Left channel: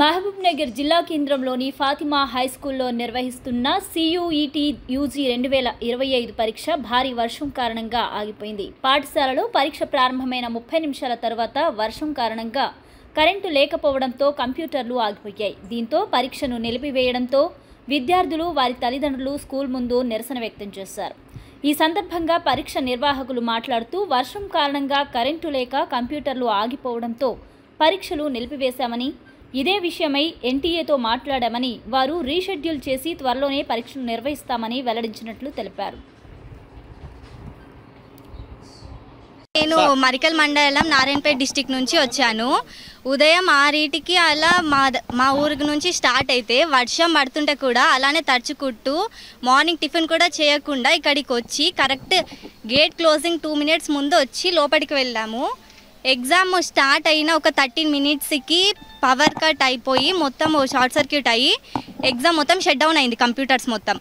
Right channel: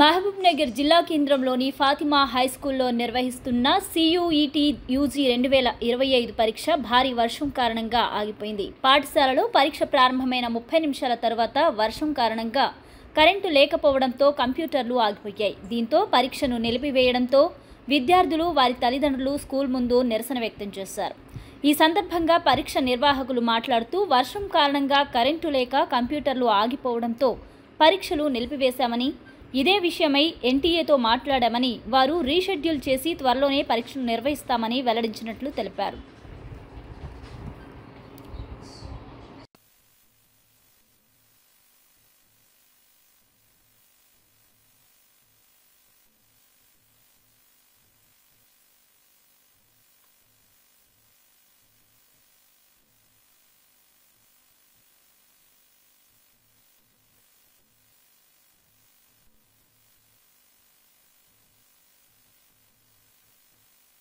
మహబూబ్నగర్ జిల్లా కేంద్రంలోని ఫాతిమా హైస్కూల్లో నిర్వహిస్తున్న CUET UG 2025 పరీక్ష భారీ వర్షం కారణంగా ఆగిపోయింది. పాఠశాలలో పరీక్ష ప్రారంభమైన 30 నిమిషాల తర్వాత వర్షం కారణంగా కరెంటు లేకపోవడంతో కంప్యూటర్లు ఆగిపోయాయి. దీంతో పరీక్షను నిలిపివేయడంతో విద్యార్థులు వారి తల్లిదండ్రులు స్కూల్ ముందు నిరసన వ్యక్తం చేశారు. ఈ సందర్భంగా పరీక్ష నిర్వాహకులు మాట్లాడుతూ వర్షం కారణంగా కరెంటు లేక కంప్యూటర్లు ఆగిపోవడంతో పరీక్షలు నిలిపివేశామని, ఇదే విషయమై NTA తో మాట్లాడామని, వారు రీషెడ్యూల్ చేసి త్వరలోనే పరీక్షలు నిర్వహిస్తామని వెల్లడించినట్లు తెలిపారు. నేను మరికల్ మండలం నారాయణపేట డిస్టిక్ నుంచి వచ్చాను. ఉదయం 6కి అలా మా ఊరికి నుంచి స్టార్ట్ అయితే వర్షం పడుతుంటే కూడా అలానే తడుచుకుంటూ మార్నింగ్ టిఫిన్ కూడా చేయకుండా ఇక్కడికి వచ్చి కరెక్ట్ గేట్ క్లోజింగ్ 2 మినిట్స్ ముందు వచ్చి లోపలికి వెళ్ళాము. ఎగ్జామ్ స్టార్ట్ అయిన ఒక 13 మినిట్స్కి పవర్ కట్ అయిపోయి మొత్తం షార్ట్ సర్క్యూట్ అయ్యి ఎగ్జామ్ మొత్తం షట్ డౌన్ అయింది. కంప్యూటర్స్ మొత్తం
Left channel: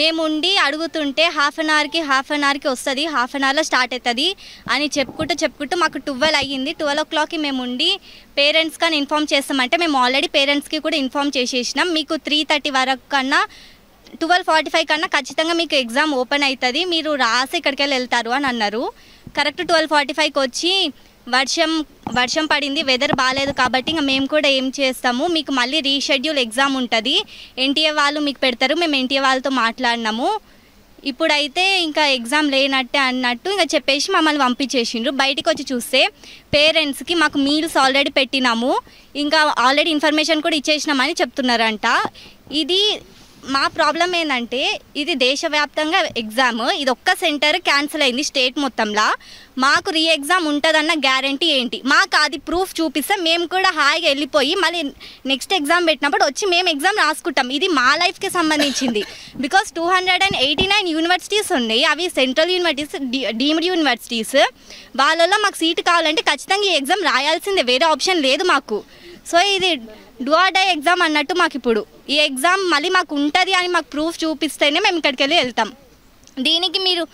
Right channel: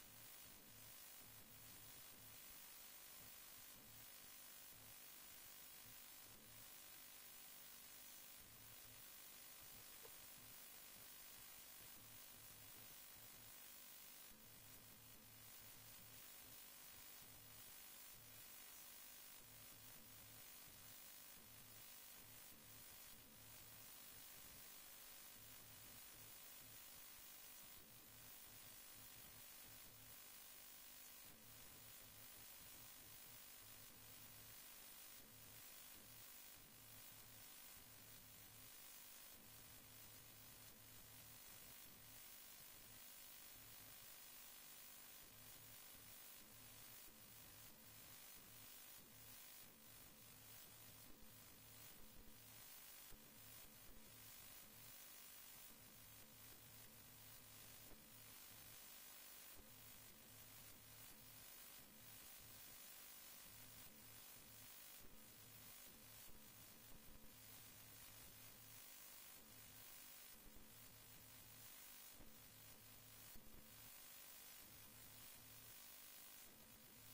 మేము ఉండి అడుగుతుంటే హాఫ్ అన్ అవర్కి వస్తుంది, హాఫ్ అన్ అవర్లో స్టార్ట్ అవుతుంది అని చెప్పుకుంటూ మాకు 12 అయ్యింది. 12 o'clockకి మేము ఉండి పేరెంట్స్ కానీ ఇన్ఫామ్ చేస్తామంటే మేము ఆల్రెడీ పేరెంట్స్కి కూడా ఇన్ఫామ్ చేసేసినాం. మీకు 3:30 వరకు కన్నా 12:45 కన్నా ఖచ్చితంగా మీకు ఎగ్జామ్ ఓపెన్ అవుతుంది, మీరు రాసి ఇక్కడికి వెళ్తారు అని అన్నారు. కరెక్ట్ 12:45కి వచ్చి వర్షం పడింది, వెదర్ బాగాలేదు కాబట్టి ఇంకా మేము కూడా ఏం చేస్తాము, మీకు మళ్ళీ రీషెడ్యూల్ ఎగ్జామ్ ఉంటుంది, NTA వాళ్ళు మీకు పెడతారు, మేము NTA వాళ్ళతో మాట్లాడినాము, ఇప్పుడైతే ఇంకా ఎగ్జామ్ లేనట్టే అన్నట్టు ఇంకా చెప్పేసి మమ్మల్ని పంపించేసిండ్రు. బయటికి వచ్చి చూస్తే పేరెంట్స్కి మాకు మీల్స్ ఆల్రెడీ పెట్టినాము, ఇంకా ఆల్రెడీ ఇన్ఫర్మేషన్ కూడా ఇచ్చేసినామని చెప్తున్నారంట. ఇది మా ప్రాబ్లం ఏంటంటే ఇది దేశవ్యాప్తంగా ఎగ్జామ్, ఇది ఒక్క సెంటర్ క్యాన్సిల్ అయింది స్టేట్ మొత్తంలో. మాకు రీ ఎగ్జామ్ ఉంటుందన్న గ్యారంటీ ఏంటి? మాకు అది ప్రూఫ్ చూపిస్తే మేము కూడా హాయిగా వెళ్ళిపోయి మళ్ళీ నెక్స్ట్ ఎగ్జామ్ పెట్టినప్పుడు వచ్చి మేము ఎగ్జామ్ రాసుకుంటాం. ఇది మా లైఫ్కి సంబంధించింది. బికాస్ 289 యూనివర్సిటీస్ ఉన్నాయి, అవి సెంట్రల్ యూనివర్సిటీస్, డీమ్డ్ యూనివర్సిటీస్. వాళ్ళలో మాకు సీటు కావాలంటే ఖచ్చితంగా ఈ ఎగ్జామ్ రాయాల్సిందే, వేరే ఆప్షన్ లేదు మాకు. సో ఇది డూ ఆర్ డై ఎగ్జామ్ అన్నట్టు మాకు ఇప్పుడు ఈ ఎగ్జామ్ మళ్ళీ మాకు ఉంటుంది అని మాకు ప్రూఫ్ చూపిస్తేనే మేము ఇక్కడికి వెళ్ళి వెళ్తాం. దీనికి మీరు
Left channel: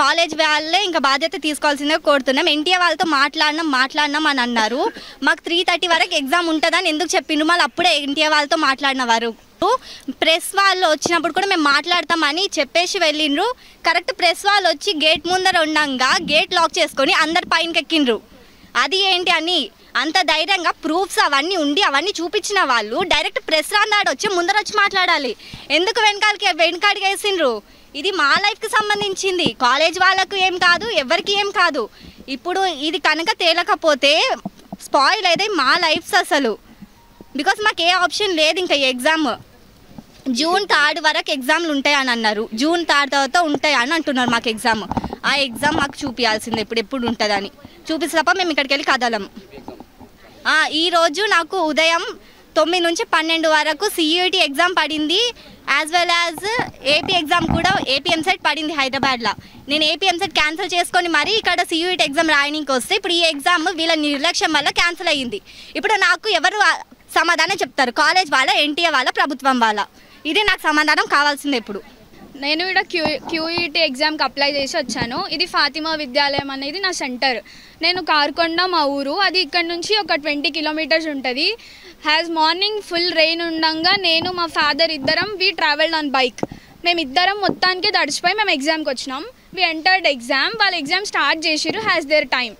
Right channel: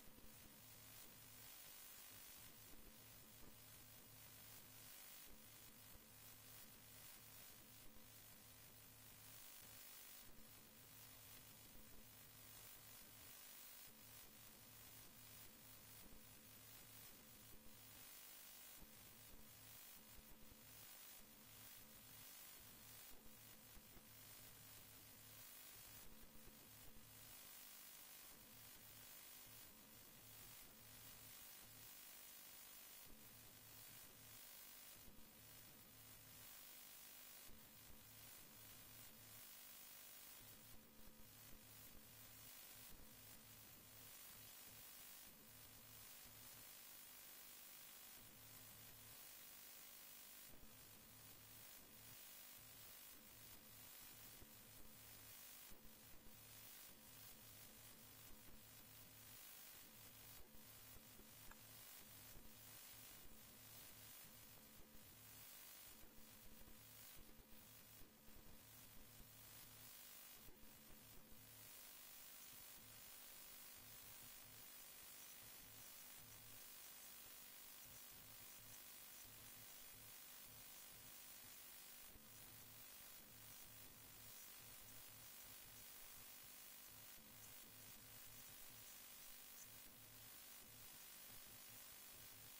కాలేజ్ వాళ్ళే ఇంకా బాధ్యత తీసుకోవాల్సిందే కోరుతున్నాం. NTA వాళ్ళతో మాట్లాడినాం అని అన్నారు. మాకు 3:30 వరకు ఎగ్జామ్ ఉంటుందని ఎందుకు చెప్పిండ్రు? మళ్ళీ అప్పుడే NTA వాళ్ళతో మాట్లాడిన వారు ప్రెస్ వాళ్ళు వచ్చినప్పుడు కూడా మేము మాట్లాడతామని చెప్పేసి వెళ్ళిండ్రు. కరెక్ట్ ప్రెస్ వాళ్ళు వచ్చి గేట్ ముందర ఉండగా గేట్ లాక్ చేసుకొని అందరు పైనకి ఎక్కిండ్రు. అది ఏంటి అని అంత ధైర్యంగా ప్రూఫ్స్ అవన్నీ ఉండి అవన్నీ చూపించిన వాళ్ళు డైరెక్ట్ ప్రెస్ రాన్నాడు వచ్చి ముందర వచ్చి మాట్లాడాలి. ఎందుకు వెనకాడికి వేసిండ్రు? ఇది మా లైఫ్కి సంబంధించింది, కాలేజ్ వాళ్ళకు ఏం కాదు, ఎవరికి ఏం కాదు. ఇప్పుడు ఇది కనుక తేలకపోతే స్పాయిల్ అయితే మా లైఫ్స్ అసలు. బికాస్ మాకు ఏ ఆప్షన్ లేదు. ఇంకా ఎగ్జామ్ June 3 వరకు ఎగ్జామ్లు ఉంటాయని అన్నారు. June 3 తర్వాత ఉంటాయి అని అంటున్నారు మాకు ఎగ్జామ్. ఆ ఎగ్జామ్ మాకు చూపించాల్సిందే ఎప్పుడు ఉంటుందని. చూపిస్తే తప్ప మేము ఇక్కడికి వెళ్ళి కదలం. ఈరోజు నాకు ఉదయం 9 నుంచి 12 వరకు CUET ఎగ్జామ్ పడింది, as well as AP exam కూడా AP MCET పడింది హైదరాబాద్లో. నేను AP MCET క్యాన్సిల్ చేసుకొని మరీ ఇక్కడ CUET ఎగ్జామ్ రాయడానికి వస్తే ఇప్పుడు ఈ ఎగ్జామ్ వీళ్ళ నిర్లక్ష్యం వల్ల క్యాన్సిల్ అయ్యింది. ఇప్పుడు నాకు ఎవరు సమాధానం చెప్తారు? కాలేజ్ వాళ్ళ, NTA వాళ్ళ, ప్రభుత్వం వాళ్ళ? ఇది నాకు సమాధానం కావాల్సిందే. ఇప్పుడు నేను ఇక్కడ QET ఎగ్జామ్కి అప్లై చేసి వచ్చాను. ఇది ఫాతిమా విద్యాలయం అనేది నా సెంటర్. నేను కార్కొండ మా ఊరు, అది ఇక్కడ నుంచి ఒక 20 కిలోమీటర్స్ ఉంటుంది. మార్నింగ్ ఫుల్ రెయిన్ ఉండగా నేను మా ఫాదర్ ఇద్దరం వి ట్రావెల్డ్ ఆన్ బైక్. మేమిద్దరం మొత్తానికి తడిచిపోయి మేము ఎగ్జామ్కి వచ్చినాం. We entered exam. వాళ్ళు ఎగ్జామ్ స్టార్ట్ చేసిరు హ్యాస్ దేర్ టైం.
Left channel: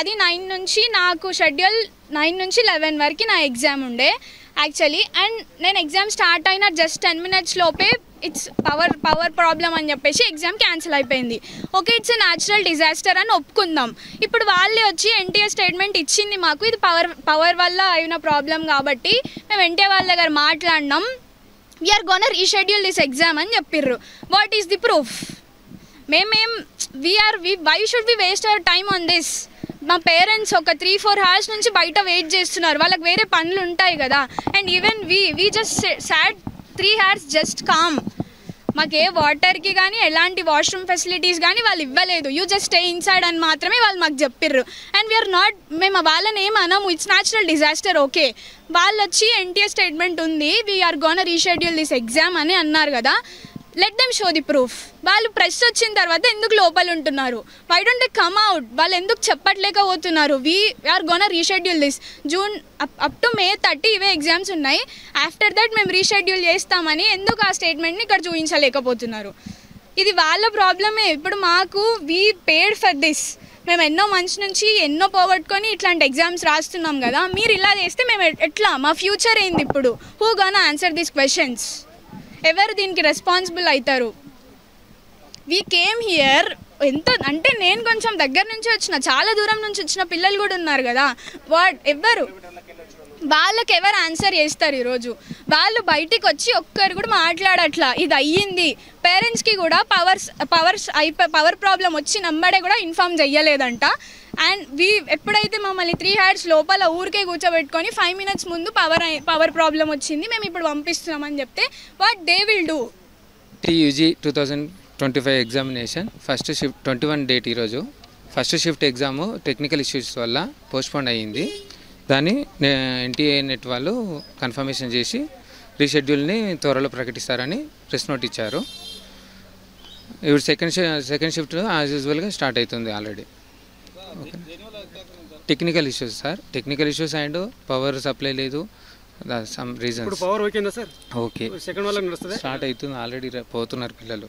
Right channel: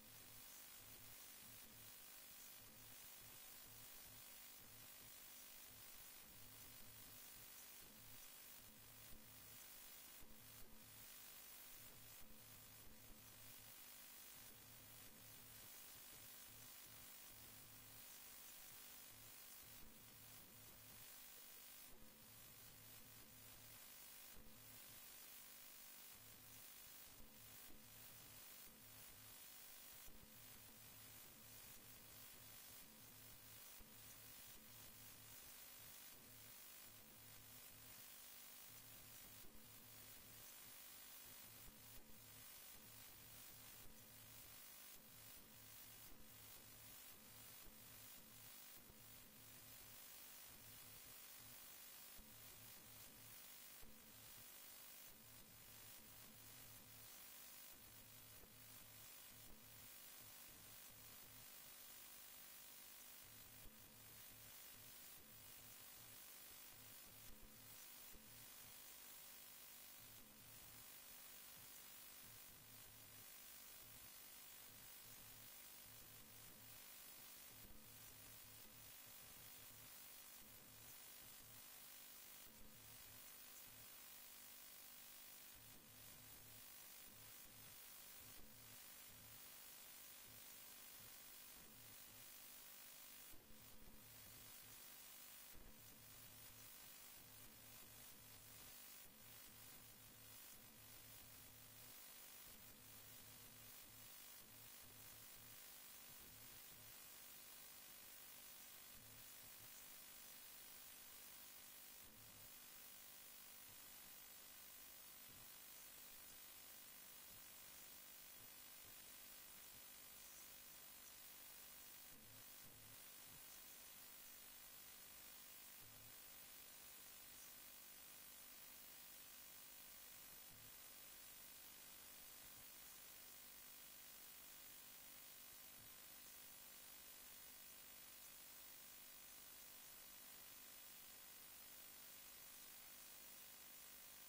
అది 9 నుంచి నాకు షెడ్యూల్ 9 నుంచి 11 వరకు నా ఎగ్జామ్ ఉండే యాక్చువల్లీ. అండ్ నేను ఎగ్జామ్ స్టార్ట్ అయిన జస్ట్ 10 minutes లోపే ఇట్స్ పవర్ ప్రాబ్లం అని చెప్పేసి ఎగ్జామ్ క్యాన్సిల్ అయిపోయింది. Okay, it's a natural disaster అని ఒప్పుకుందాం. ఇప్పుడు వాళ్ళే వచ్చి NTA స్టేట్మెంట్ ఇచ్చింది మాకు, ఇది పవర్ వల్ల అయిన ప్రాబ్లం కాబట్టి మేము NTA వాళ్ళ దగ్గర మాట్లాడినాం. We're gonna reschedule this exam అని చెప్పిర్రు. What is the proof? Why should we waste our time on this? మా పేరెంట్స్ ఒక 3-4 hours నుంచి బయట వెయిట్ చేస్తున్నారు, వాళ్ళకి వేరే పనులు ఉంటాయి కదా. And even we just sat 3 hours just calm. మాకు ఏ వాటర్కి కానీ ఎలాంటి వాష్రూమ్ ఫెసిలిటీస్ కానీ వాళ్ళు ఇవ్వలేదు. యూ జస్ట్ స్టే ఇన్సైడ్ అని మాత్రమే వాళ్ళు మాకు చెప్పిర్రు. అండ్ వీఆర్ నాట్, మేము వాళ్ళని ఏం అనము, ఇట్స్ న్యాచురల్ డిజాస్టర్. ఓకే, వాళ్ళు వచ్చి NTA స్టేట్మెంట్ ఉంది, we're gonna reschedule this exam అని అన్నారు కదా. Let them show the proof. వాళ్ళు ప్రెస్ వచ్చిన తర్వాత ఎందుకు లోపల ఉంటున్నారు? Why don't they come out? వాళ్ళు ఎందుకు చెప్పట్లేకపోతున్నారు? We're gonna reschedule this June up to May 30 ఇవే ఎగ్జామ్స్ ఉన్నాయి. ఆఫ్టర్ దట్ మేము రీషెడ్యూల్ చేస్తామని ఎందుకు ఆ స్టేట్మెంట్ని ఇక్కడ చూపించలేకపోతున్నారు? ఇది వాళ్ళ ప్రాబ్లమే. ఇప్పుడు మాకు వీ పేడ్ ఫర్ దిస్. మేము ఎన్నో మంత్స్ నుంచి ఎన్నో పోగొట్టుకొని ఇట్లాంటి ఎగ్జామ్స్ రాస్తున్నాం కదా. మీరు ఇలా చేస్తే మేము ఎట్లా? మా ఫ్యూచర్ ఏంది ఇప్పుడు? Who gonna answer these questions? ఎవరు దీనికి రెస్పాన్సిబుల్ అవుతారు? వీ కేమ్ హియర్ ఎంత అంటే నేను కొంచెం దగ్గర నుంచి వచ్చిన, చాలా దూరం నుంచి వచ్చిన పిల్లలు కూడా ఉన్నారు కదా. వాళ్ళకి ఎవరు ఆన్సర్ చేస్తారు? ఈరోజు వాళ్ళు బయటికి వచ్చి ఒక్కరు కూడా మాట్లాడట్లా. ఇది అయ్యింది. పేరెంట్స్కి కూడా పవర్ ప్రాబ్లం వచ్చి నమ్మడే కూడా ఇన్ఫార్మ్ చెయ్యలేదంట. అండ్ ఎప్పుడైతే మమ్మల్ని 3 hours లోపల ఊరికే కూర్చోబెట్టుకొని 5 minutes ముందు పవర్ ప్రాబ్లం వచ్చింది, మేము ఇప్పుడు పంపిస్తున్నామని చెప్తే what they will do? UG 2025 examination first shift 21 date ఈరోజు. First shift exam technical issues వల్ల పోస్ట్పోన్ అయ్యింది. దాన్ని ఎన్టీఏ నెట్ వాళ్ళు కన్ఫర్మేషన్ చేసి రీషెడ్యూల్ని త్వరలో ప్రకటిస్తారని ప్రెస్ నోట్ ఇచ్చారు. ఇప్పుడు సెకండ్ షిఫ్ట్ యాజ్ యూజువల్గా స్టార్ట్ అవుతుంది already. Okay, technical issues sir, technical issues and power supply లేదు, సమ్ రీజన్స్. పవర్ ఓకేనా సార్? ఓకే, సెకండ్ వాళ్ళకి నడుస్తుంది, స్టార్ట్ అవుతుంది ఆల్రెడీ, పోతున్నారు పిల్లలు.